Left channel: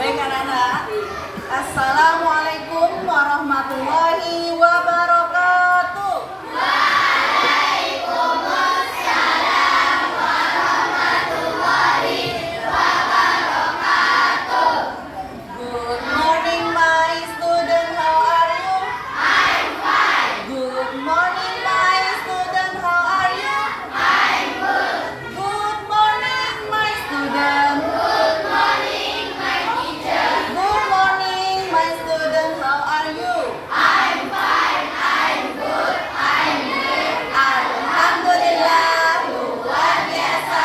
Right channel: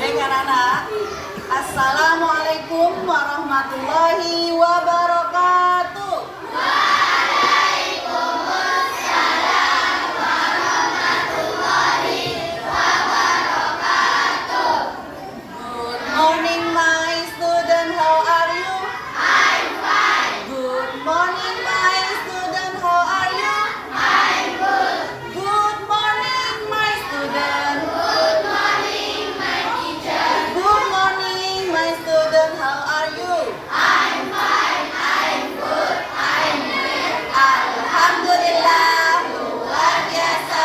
Baik anak-anak, Assalamualaikum warahmatullahi wabarakatuh. Good morning my student, how are you? I'm fine. Good morning my student, how are you? I'm good. Good morning my student. Good morning my teacher. Good morning my student, how are you? I'm fine. I'm good. I'm good. Alhamdulillah, luar biasa.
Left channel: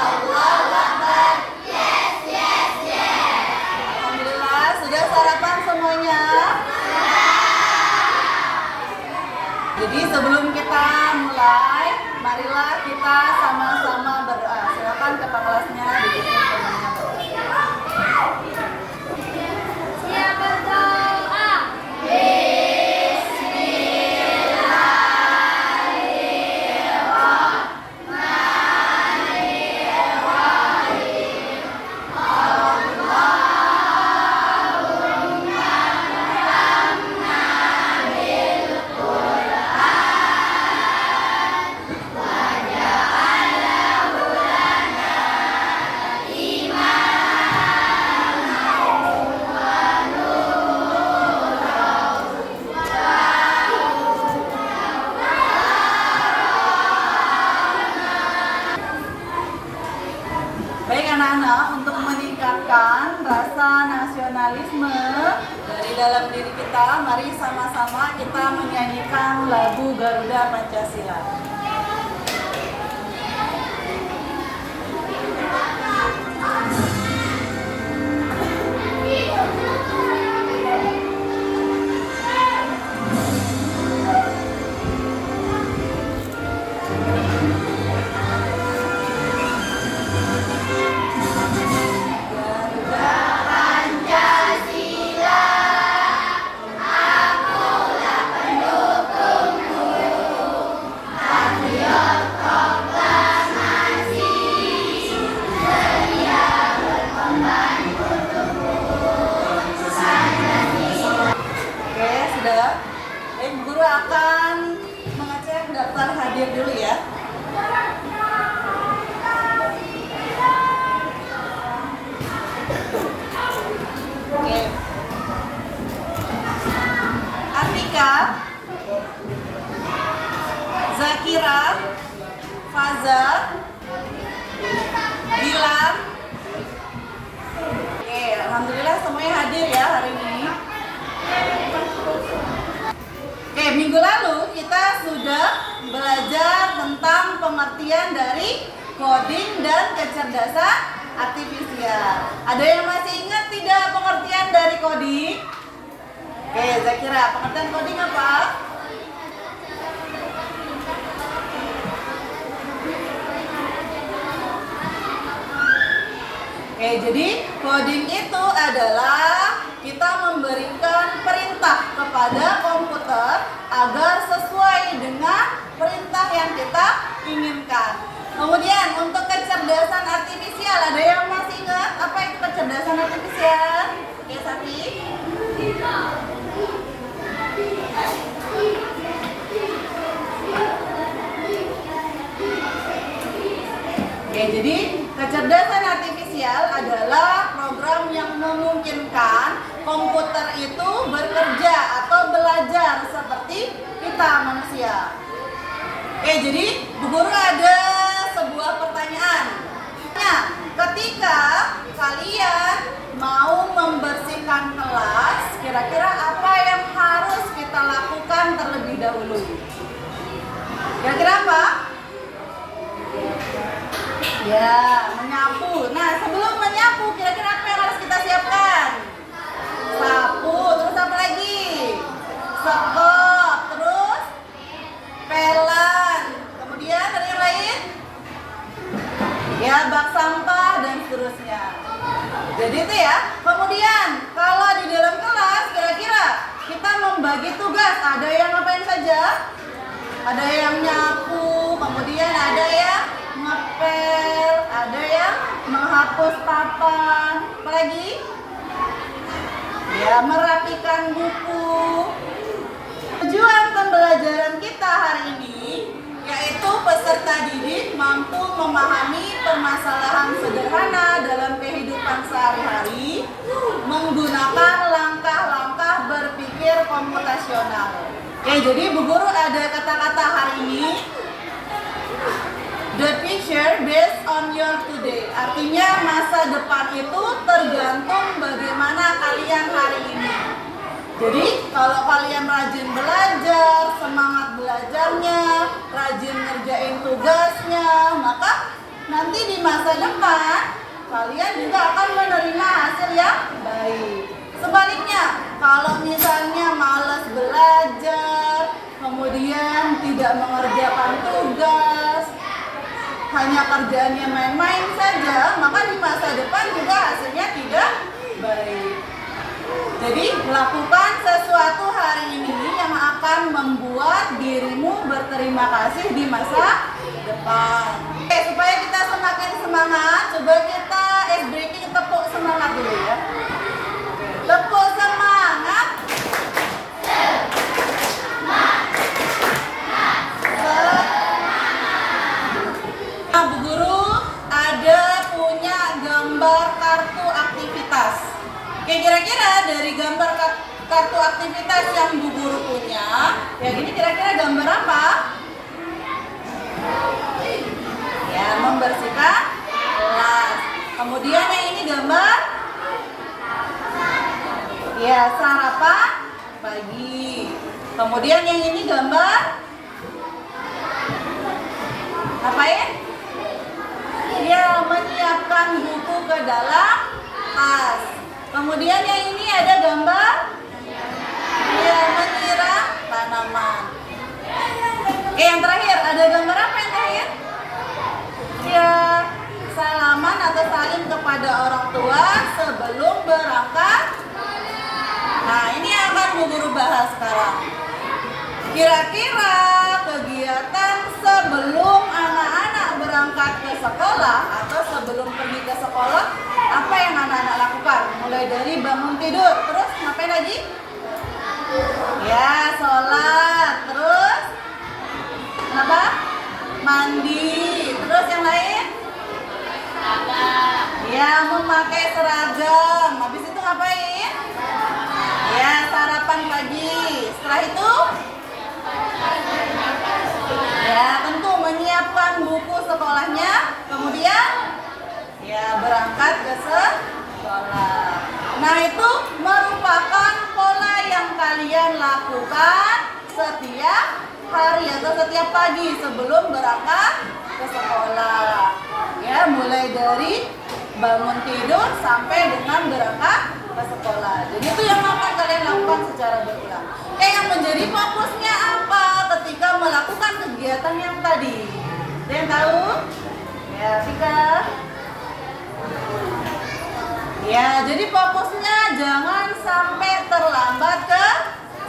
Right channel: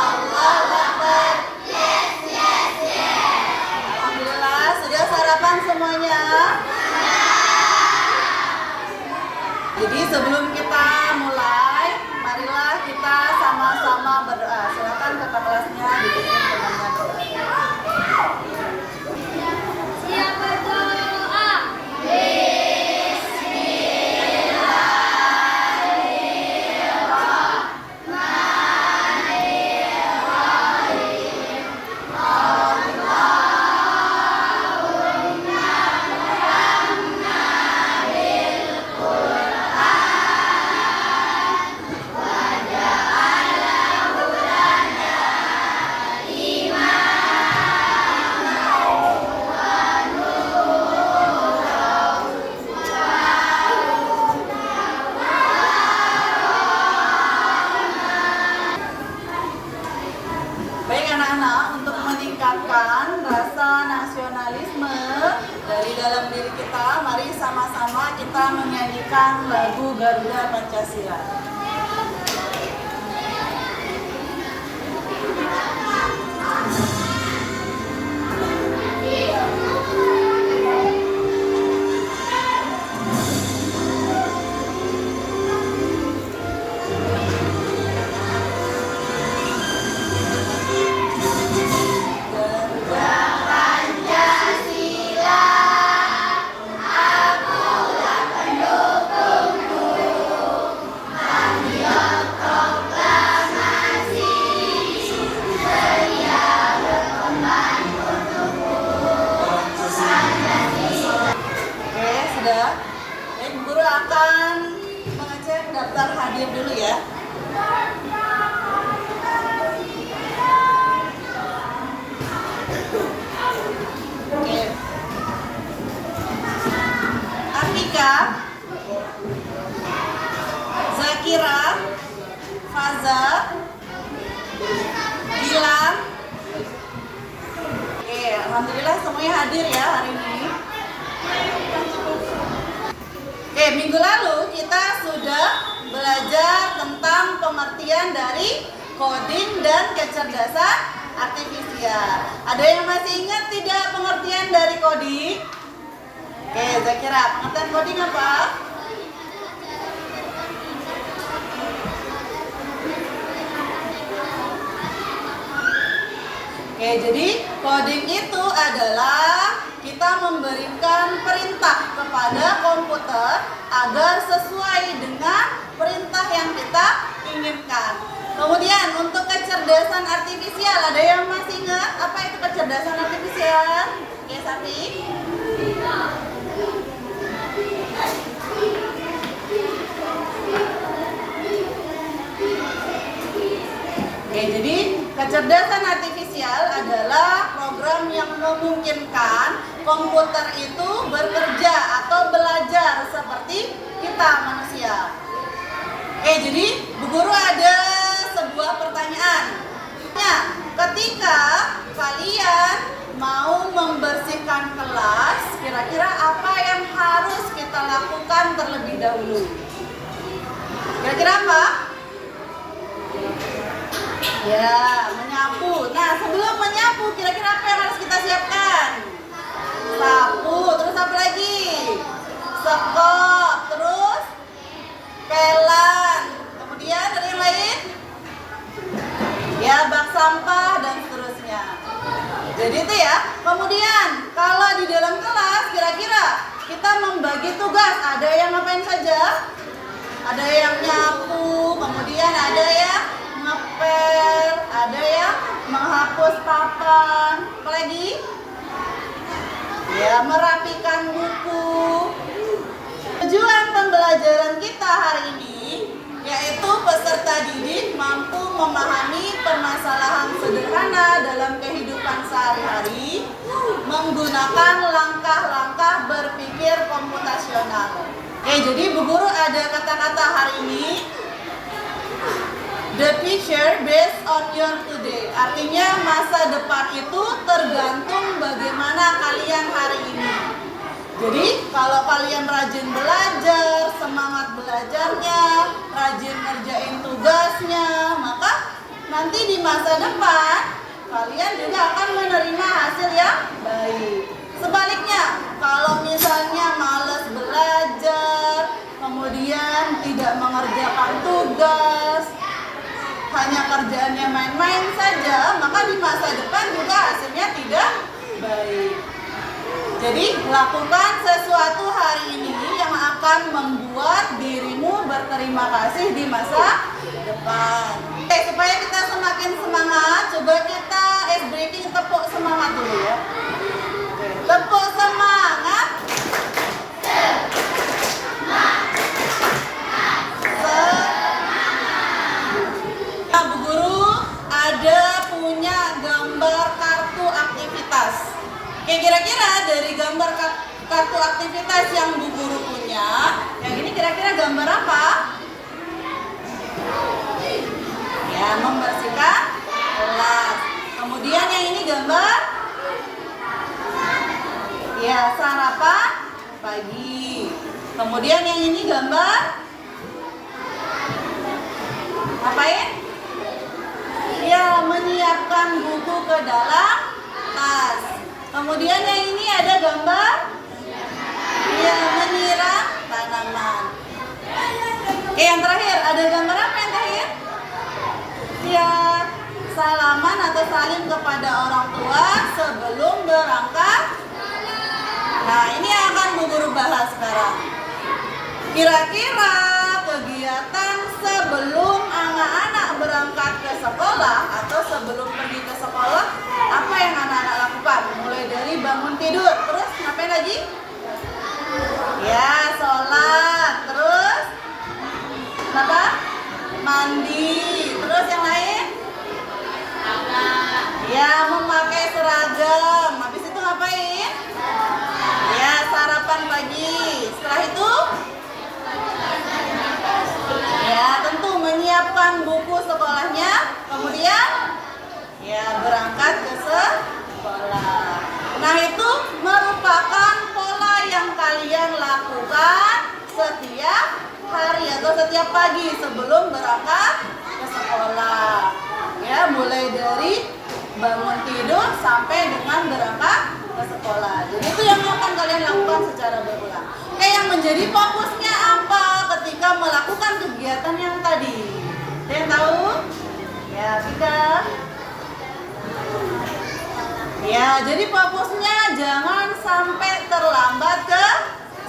Allahu Akbar. Alhamdulillah, sudah sarapan semuanya? Jadi sebelum kita mulai, marilah kita sama-sama berdoa. Silakan kakak kelasnya dipimpin dengan doa. Siap berdoa. Baik anak-anak, untuk meningkatkan rasa nasionalisme dari dalam diri kita, mari sama-sama kita menyanyikan lagu Garuda Pancasila. Oke, sudah. Guru akan mengecek daftar hadir dulu ya. Oke. Atika, Zakira, Faza, Gilang. Oke, alhamdulillah semuanya hadir ya hari ini. Oke, minggu lalu kita sudah belajar tentang pengertian dari coding dan kecerdasan artifisial. Ada yang masih ingat tidak pengertian dari coding? Oke, Zakira, pengertian coding apa? Oke, jadi coding itu adalah kita memberikan perintah kepada komputer agar sesuai dengan perintah yang kita inginkan. Kemudian untuk kecerdasan artifisial, ada yang masih ingat apa itu kecerdasan artifisial? Oke, Sati. Oke, jadi kecerdasan artifisial adalah program yang memungkinkan komputer itu bekerja atau belajar seperti kita manusia. Oke, jadi Bu Guru ada sebuah pertanyaan. Ketika kalian mau membersihkan kelas, kira-kira apa yang harus kita lakukan terlebih dahulu? Kira-kira apa? Ya, menyapu. Nah, sebelum menyapu, kira-kira apa yang harus kita siapkan? Sapu, terus apa lagi? Sekop, terus pelan. Kemudian ada yang lain? Ya, bak sampah dan seterusnya. Jadi itu ya. Kemudian, kalau di dalam kelas, kira-kira kita membagi tugas. Ada yang ngapain saja? Ada yang nyapu, kemudian ada yang ngepel, ada yang menghapus papan. Apa lagi? Ya, merapikan buku. Tujuan pembelajaran kita hari ini yaitu peserta didik mampu memahami permasalahan sederhana dalam kehidupan sehari-hari menggunakan langkah-langkah berpikir komputasional. Oke, jadi Bu Guru ada kata-kata hari ini. The future based on your today. Artinya masa depan itu tergantung bagaimana kalian hari ini. Jadi kalau kalian rajin belajar, semangat belajarnya, rajin ngerjain tugasnya, maka nanti di masa depan kalian juga akan menerima hasil yang baik. Sebaliknya, kalau misalnya malas belajar, kemudian tidak mengerjakan tugas, hanya kerjaannya main-main saja, maka di masa depan juga hasilnya tidak baik. Jadi lakukan sesuatu hari ini yang akan membuat dirimu berterima kasih di masa depan. Oke, supaya kita semakin semangat, coba kita breaking tepuk semangat dulu ya. Tepuk semangat. Bu Guru ada punya gambar kartu aktivitas. Oke, kira-kira dari gambar kartu aktivitas yang Bu Guru punya, yang ini kira-kira gambar apa? Ya, membersihkan kelas. Kemudian yang ini gambar? Ya, sarapan pagi. Kemudian yang ini gambar? Ngapain? Ya, menyiapkan buku ke dalam tas. Kemudian yang ini ada gambar? Ya, menyiram tanaman. Oke, yang terakhir ada gambar apa yang terakhir? Ya, salaman atau salim kepada orang tua sebelum berangkat. Nah, ini yang akan Bu Guru bahas sekarang. Kira-kira kegiatan sebelum anak-anak berangkat ke sekolah atau sebelum pergi ke sekolah, apa yang anak-anak lakukan? Mulai dari bangun tidur, terus ngapain lagi? Ya, sholat, terus apa? Mandi, terus yang lain? Ya, memakai seragam. Habis itu ngapain? Ya, sarapan pagi. Setelah itu? Ya, tentu menyiapkan buku sekolahnya. Kemudian? Ya, berangkat ke sekolah. Nah, itu merupakan pola yang kalian lakukan setiap hari atau setiap pagi sebelum berangkat ke sekolah. Ya, mulai dari bangun tidur sampai dengan berangkat ke sekolah. Jadi itu yang akan kalian lakukan secara berulang. Oke, yang menjadi fokusnya apa ketika melakukan kegiatan yang tadi? Ada yang tahu? Ya, Tika. Ya, jadi fokusnya jangan sampai terlambat ke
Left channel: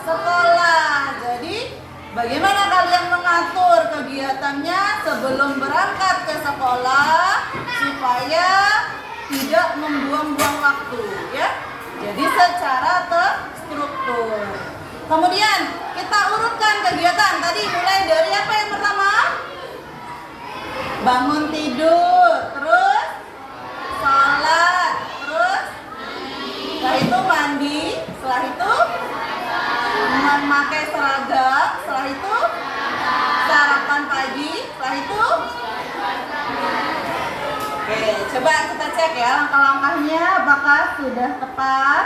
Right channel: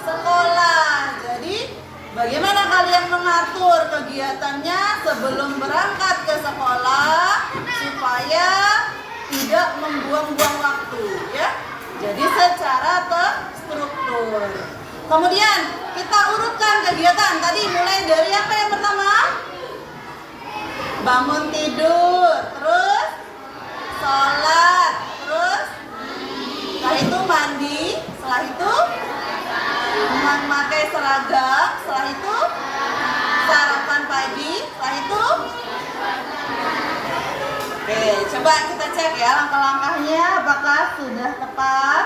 sekolah. Jadi bagaimana kalian mengatur kegiatannya sebelum berangkat ke sekolah supaya tidak membuang-buang waktu, ya. Jadi secara terstruktur. Kemudian kita urutkan kegiatan tadi mulai dari apa yang pertama? Bangun tidur, terus sholat, terus setelah itu mandi, setelah itu memakai seragam, setelah itu sarapan pagi, setelah itu oke, coba kita cek ya langkah-langkahnya apakah sudah tepat.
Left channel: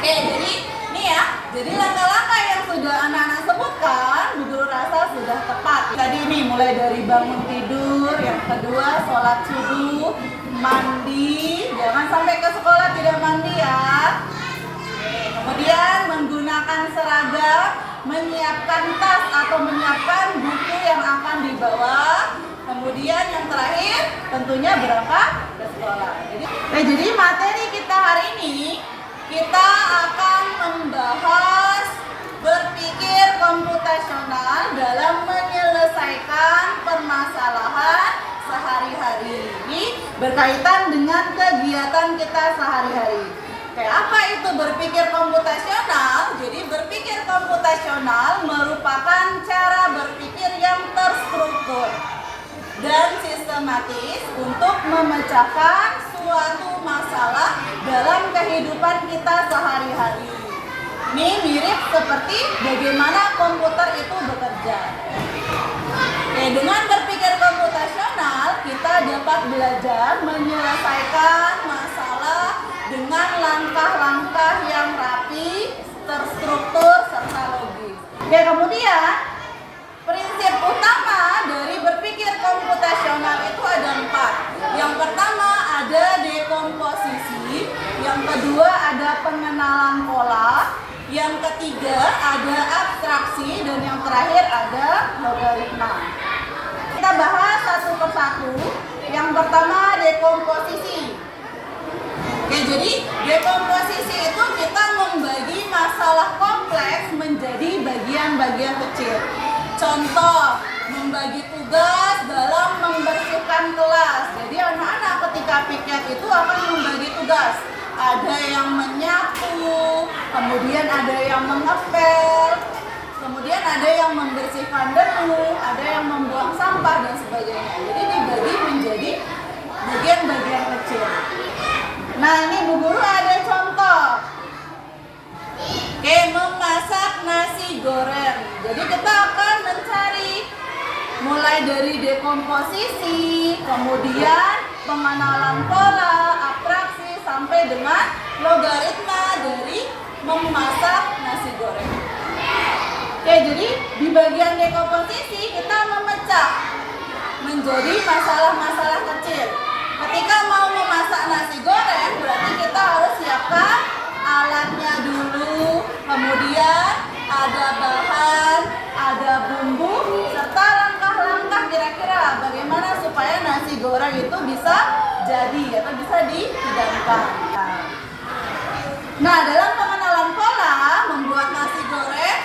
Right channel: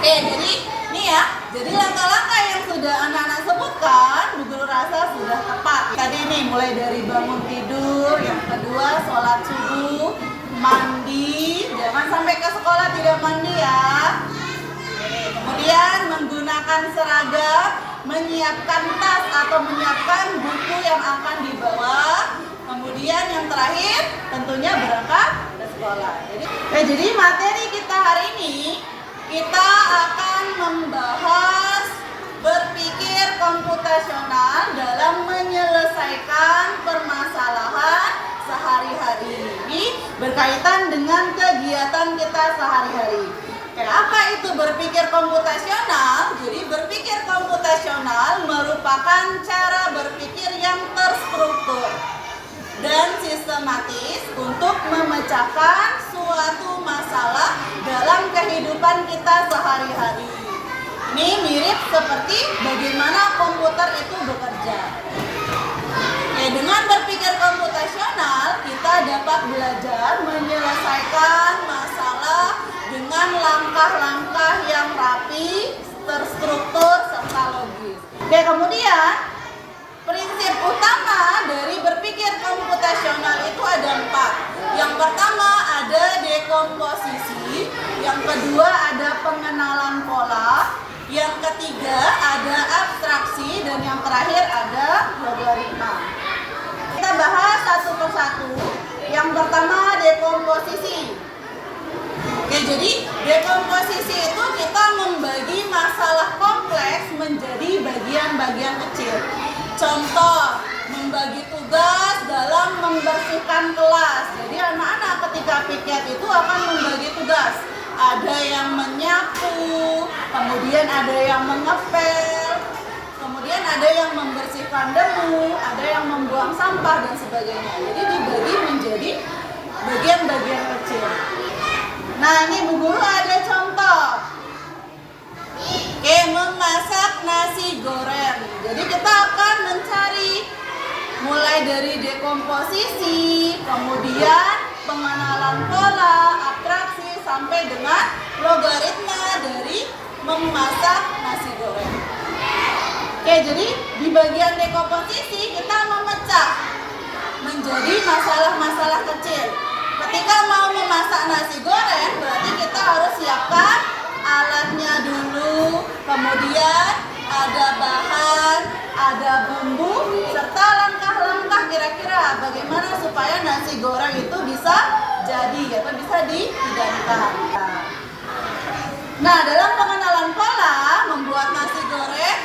Oke, jadi ini ya, jadi langkah-langkah yang sudah anak-anak sebutkan, Bu Guru rasa sudah tepat. Tadi ini mulai dari bangun tidur, yang kedua sholat subuh, mandi, jangan sampai ke sekolah tidak mandi ya. Oke, kemudian menggunakan seragam, menyiapkan tas atau menyiapkan buku yang akan dibawa. Kemudian yang terakhir tentunya berangkat ke sekolah. Jadi materi kita hari ini kita akan membahas berpikir komputasional dalam menyelesaikan permasalahan sehari-hari. itu berpikir komputasional? Jadi berpikir komputasional merupakan cara berpikir yang terstruktur dan sistematis untuk memecahkan suatu masalah dalam kehidupan kita sehari-hari. Ini mirip seperti bagaimana komputer itu bekerja. Dengan berpikir komputasional, kita dapat belajar menyelesaikan masalah dengan langkah-langkah yang rapi, terstruktur, serta logis. Kemudian, prinsip utama dari berpikir komputasional itu ada 4. Yang pertama ada dekomposisi, yang kedua ada pengenalan pola, yang ketiga ada abstraksi, dan yang terakhir ada logaritma. Kita bahas satu persatu. Yang pertama dekomposisi. Jadi dekomposisi itu kita membagi masalah kompleks menjadi bagian-bagian kecil. Contoh, membagi tugas dalam membersihkan kelas. Jadi anak-anak ketika piket itu akan membagi tugas. Ada yang menyapu, kemudian ada yang mengepel, kemudian ada yang membersihkan debu, ada yang membuang sampah dan sebagainya. Jadi dibagi menjadi bagian-bagian kecil. Nah, ini Bu Guru ada contoh. Memasak nasi goreng. Jadi kita akan mencari mulai dari dekomposisi, kemudian pengenalan pola, abstraksi, sampai dengan logaritma dari memasak nasi goreng. Jadi di bagian dekomposisi kita memecah menjadi masalah-masalah kecil. Ketika mau memasak nasi goreng, berarti kita harus siapkan alatnya dulu, kemudian ada bahan, ada bumbu, serta langkah-langkah kira-kira bagaimana supaya nasi goreng itu bisa jadi atau bisa dihidangkan. Nah, dalam pengenalan pola membuat nasi goreng,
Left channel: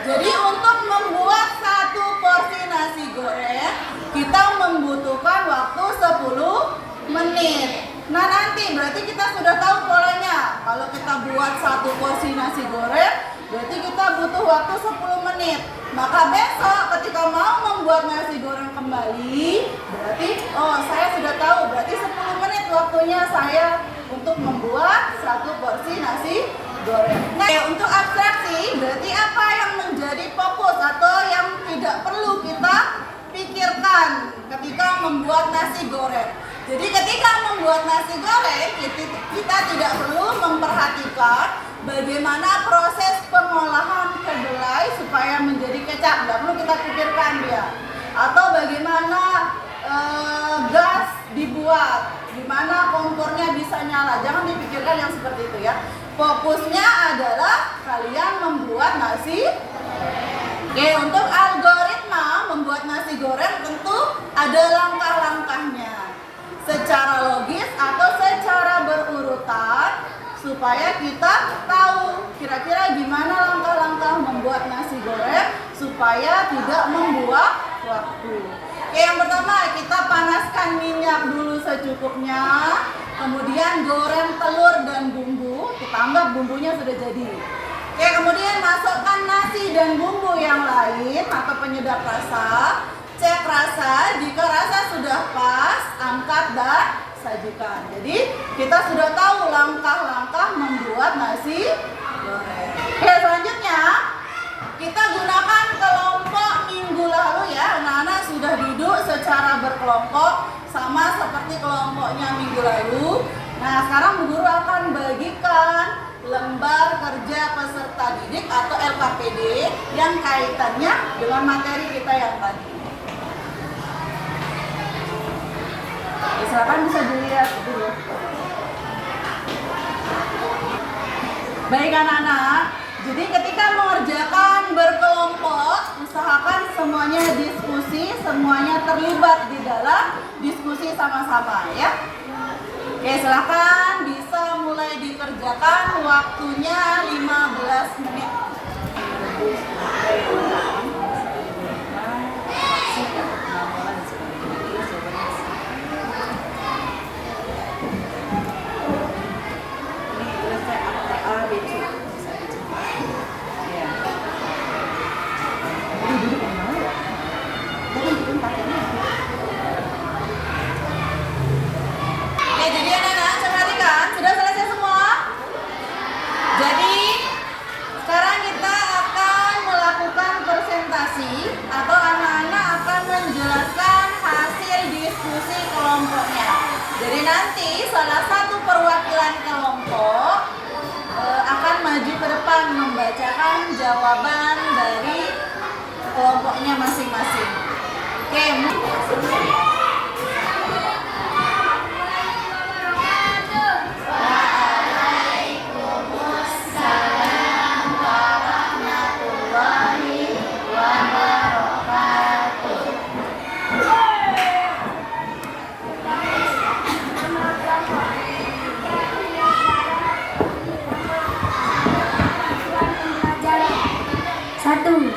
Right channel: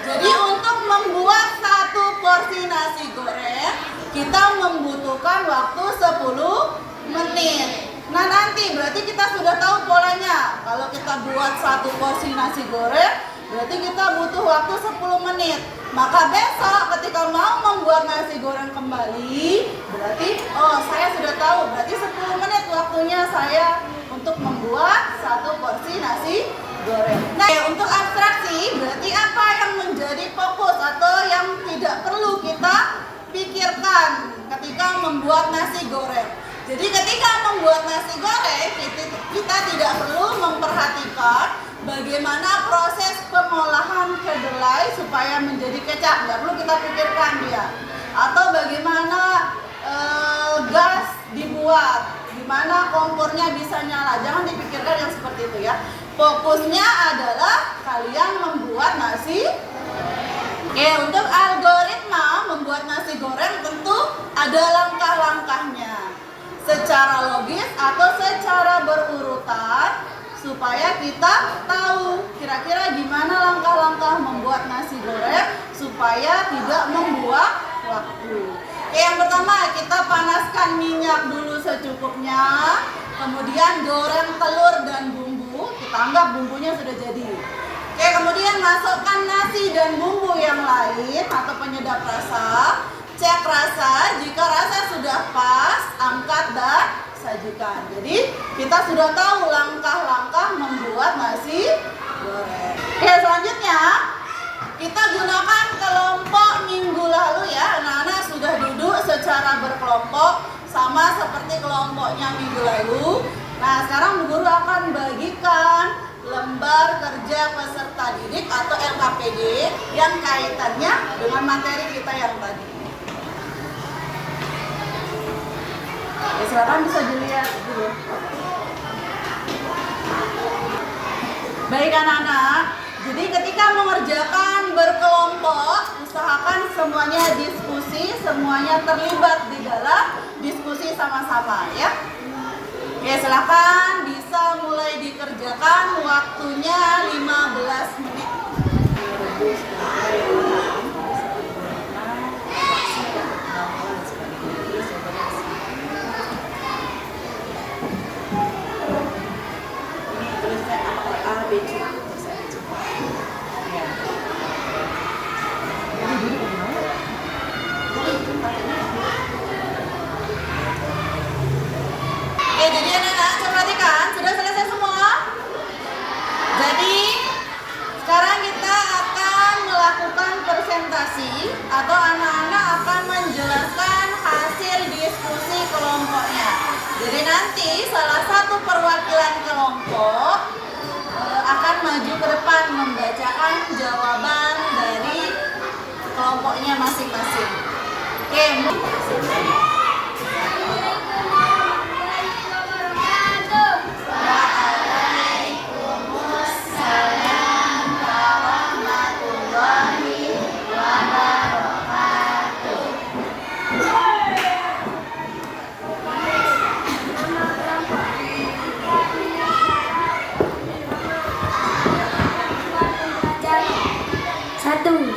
jadi untuk membuat satu porsi nasi goreng, kita membutuhkan waktu 10 menit. Nah, nanti berarti kita sudah tahu polanya. Kalau kita buat satu porsi nasi goreng, berarti kita butuh waktu 10 menit. Maka besok ketika mau membuat nasi goreng kembali, berarti saya sudah tahu, berarti 10 menit waktunya saya untuk membuat satu porsi nasi goreng. Nah, untuk abstraksi, berarti apa yang menjadi fokus atau yang tidak perlu kita pikirkan ketika membuat nasi goreng. Jadi ketika membuat nasi goreng, kita tidak perlu memperhatikan bagaimana proses pengolahan kedelai supaya menjadi kecap. Tidak perlu kita pikirkan dia. Atau bagaimana gas dibuat, gimana kompornya bisa nyala. Jangan dipikirkan yang seperti itu ya. Fokusnya adalah kalian membuat nasi. Untuk algoritma membuat nasi goreng tentu ada langkah-langkahnya. Secara logis atau secara berurutan supaya kita tahu kira-kira gimana langkah-langkah membuat nasi goreng supaya tidak membuang waktu. Yang pertama kita panaskan minyak dulu secukupnya, kemudian goreng telur dan bumbu, kita anggap bumbunya sudah jadi. Kemudian masukkan nasi dan bumbu yang lain atau penyedap rasa. Cek rasa, jika rasa sudah pas, angkat dan sajikan. Jadi kita sudah tahu langkah-langkah membuat nasi goreng. Selanjutnya kita gunakan kelompok minggu lalu ya. Anak-anak sudah duduk secara berkelompok sama seperti kelompoknya minggu lalu. Nah, sekarang Bu Guru akan bagikan lembar kerja peserta didik atau LKPD yang kaitannya dengan materi kita yang tadi. Silakan bisa dilihat dulu. Baik anak-anak, jadi ketika mengerjakan berkelompok, usahakan semuanya diskusi, semuanya terlibat di dalam diskusi sama-sama ya. Silakan bisa mulai dikerjakan, waktunya 15 menit. Oke, jadi anak-anak coba perhatikan, sudah selesai semua? Jadi sekarang kita akan melakukan presentasi atau anak-anak akan menjelaskan hasil diskusi kelompoknya. Jadi nanti salah satu perwakilan kelompok akan maju ke depan membacakan jawaban dari kelompoknya masing-masing. Oke.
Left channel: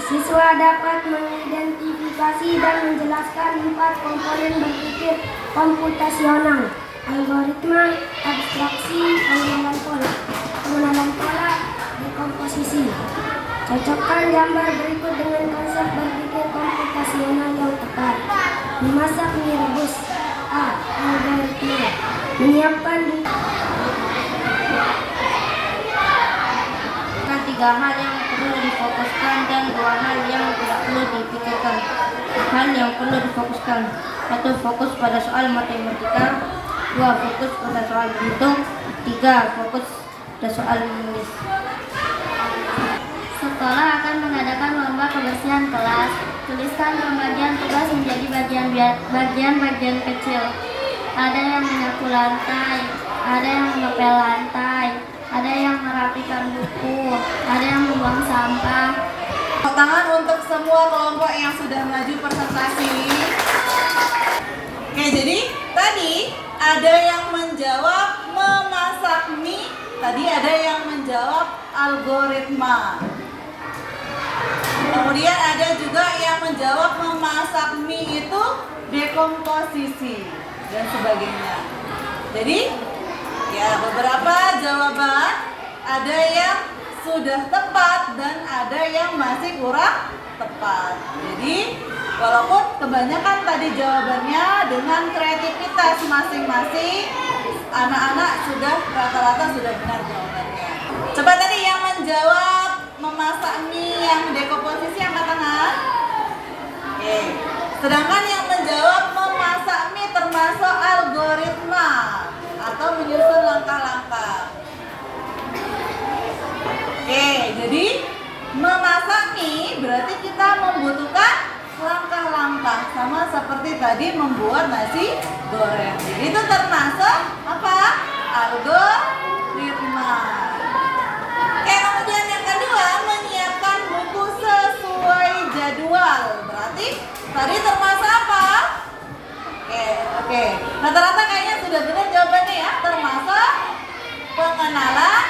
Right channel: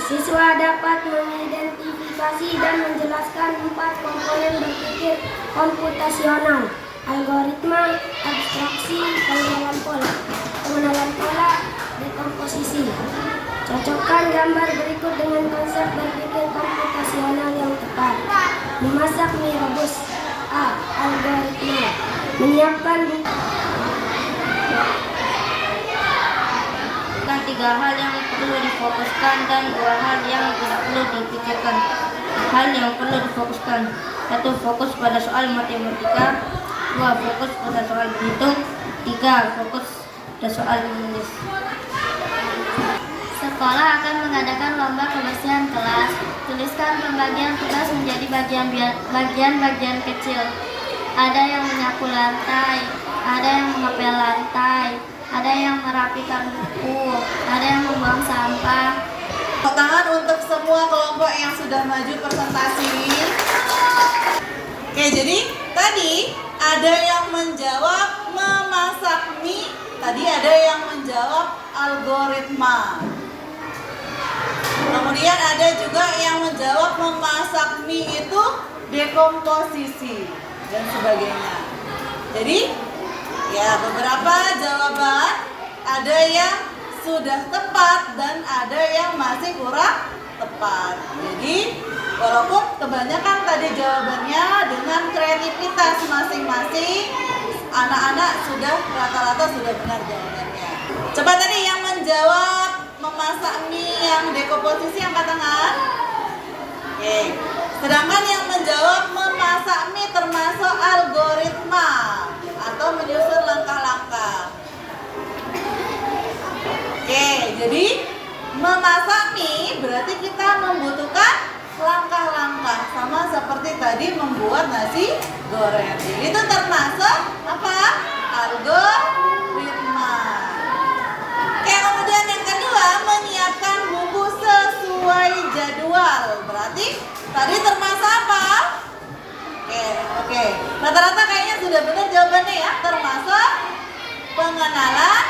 Siswa dapat mengidentifikasi dan menjelaskan 4 komponen berpikir komputasional: algoritma, abstraksi, pengenalan pola, dekomposisi. Cocokkan gambar berikut dengan konsep berpikir komputasional yang tepat. Memasak mie rebus. A. Algoritma. Menyiapkan tiga hal yang perlu difokuskan dan 2 hal yang tidak perlu dipikirkan. Hal yang perlu difokuskan: 1. Fokus pada soal matematika. 2. Fokus pada soal bentuk. 3. Fokus pada soal menulis. Sekolah akan mengadakan lomba kebersihan kelas. Tuliskan pembagian tugas menjadi bagian-bagian kecil. Ada yang menyapu lantai, ada yang mengepel lantai, ada yang merapikan buku, ada yang membuang sampah. Tepuk tangan untuk semua kelompok yang sudah maju presentasi. Oke, jadi tadi ada yang menjawab memasak mie, tadi ada yang menjawab algoritma. Kemudian ada juga yang menjawab memasak mie itu dekomposisi dan sebagainya. Jadi ya, beberapa jawaban ada yang sudah tepat dan ada yang masih kurang tepat. Jadi, walaupun kebanyakan tadi jawabannya dengan kreativitas masing-masing, anak-anak sudah rata-rata sudah benar jawabannya. Coba tadi yang menjawab memasak mie yang dekomposisi angkat tangan. Oke. Sedangkan yang menjawab memasak mie termasuk algoritma atau menyusun langkah-langkah. Oke, jadi memasak mie berarti kita membutuhkan langkah-langkah sama seperti tadi membuat nasi goreng. Jadi itu termasuk apa? Algoritma. Oke, kemudian yang kedua, menyiapkan buku sesuai jadwal. Berarti tadi termasuk apa? Oke. Rata-rata kayaknya sudah benar jawabannya ya, termasuk pengenalan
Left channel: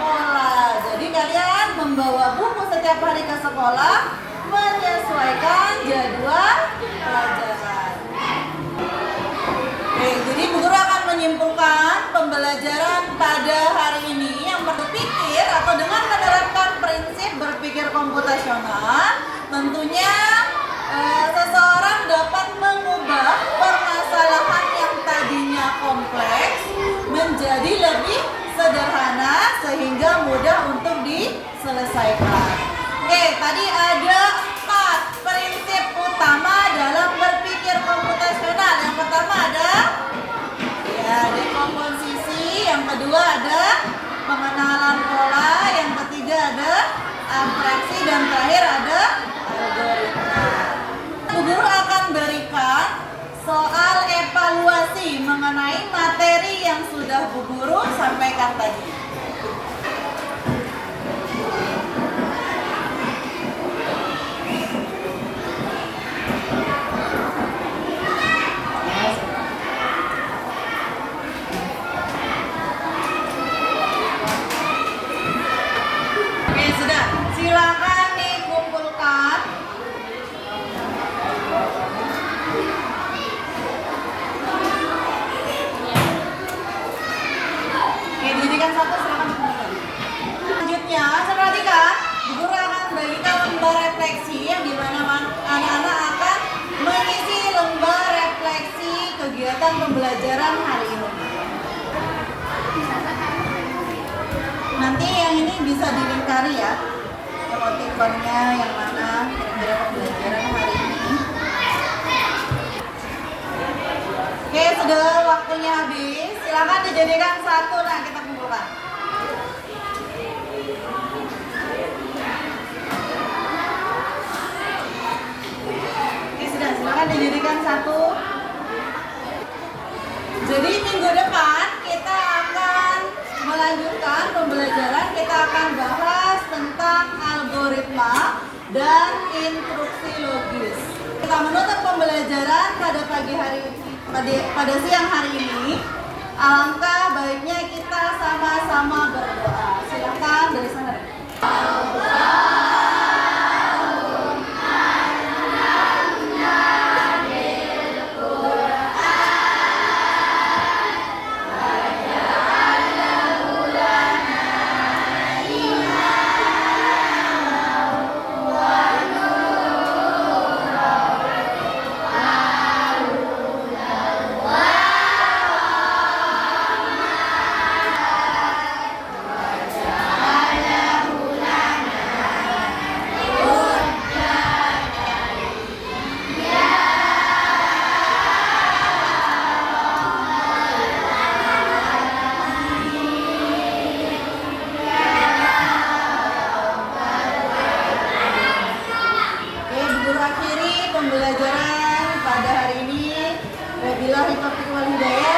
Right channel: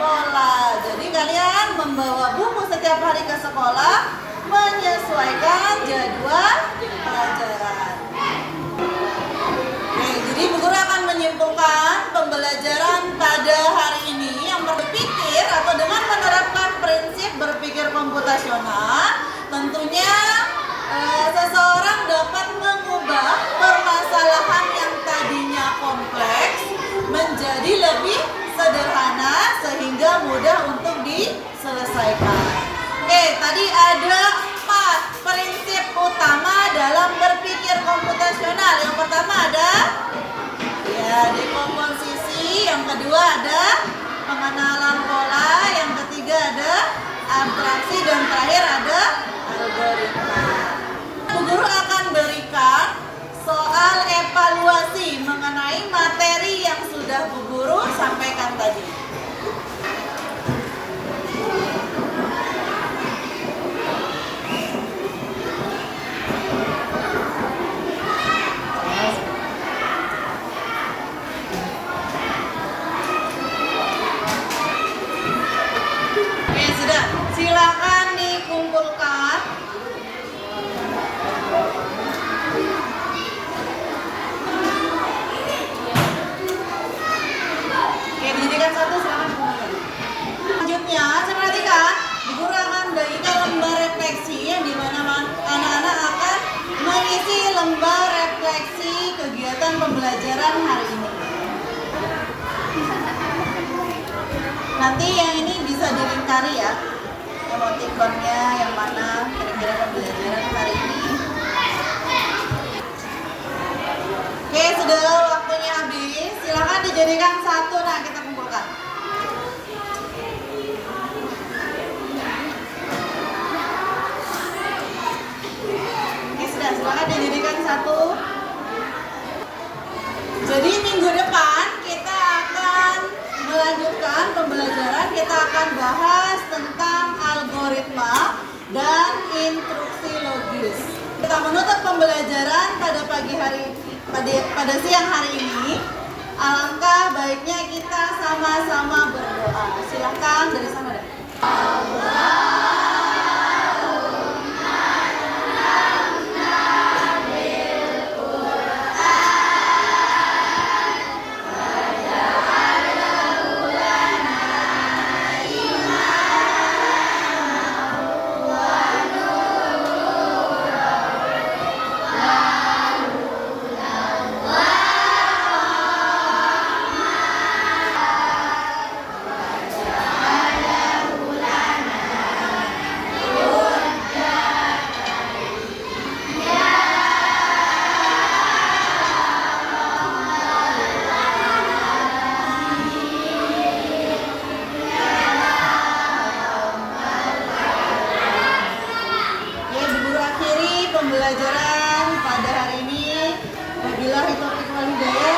pola. Jadi kalian membawa buku setiap hari ke sekolah, menyesuaikan jadwal pelajaran. Oke, jadi Bu Guru akan menyimpulkan pembelajaran pada hari ini yang berpikir atau dengan menerapkan prinsip berpikir komputasional, tentunya seseorang dapat mengubah permasalahan yang tadinya kompleks menjadi lebih sederhana sehingga mudah untuk diselesaikan. Oke, tadi ada 4 prinsip utama dalam berpikir komputasional. Yang pertama ada ya dekomposisi, yang kedua ada pengenalan pola, yang ketiga ada abstraksi, dan terakhir ada algoritma. Guru akan berikan soal evaluasi mengenai materi yang sudah Bu Guru sampaikan tadi. Oke, sudah. Silakan dikumpulkan. Oke, didirikan satu mana ya? Emoticonnya yang mana? Kira-kira pembelajaran hari ini. Oke, sudah waktunya habis. Silakan dijadikan satu. Nah, kita kumpulkan. Oke, sudah. Silakan dijadikan satu. Jadi minggu depan kita akan melanjutkan pembelajaran. Kita akan bahas tentang algoritma dan instruksi logis. Kita menutup pembelajaran pada pagi hari pada siang hari ini. Alangkah baiknya kita sama-sama berdoa. Silakan dari sana. Pembelajaran pada hari ini. Wabillahi taufiq wal hidayah.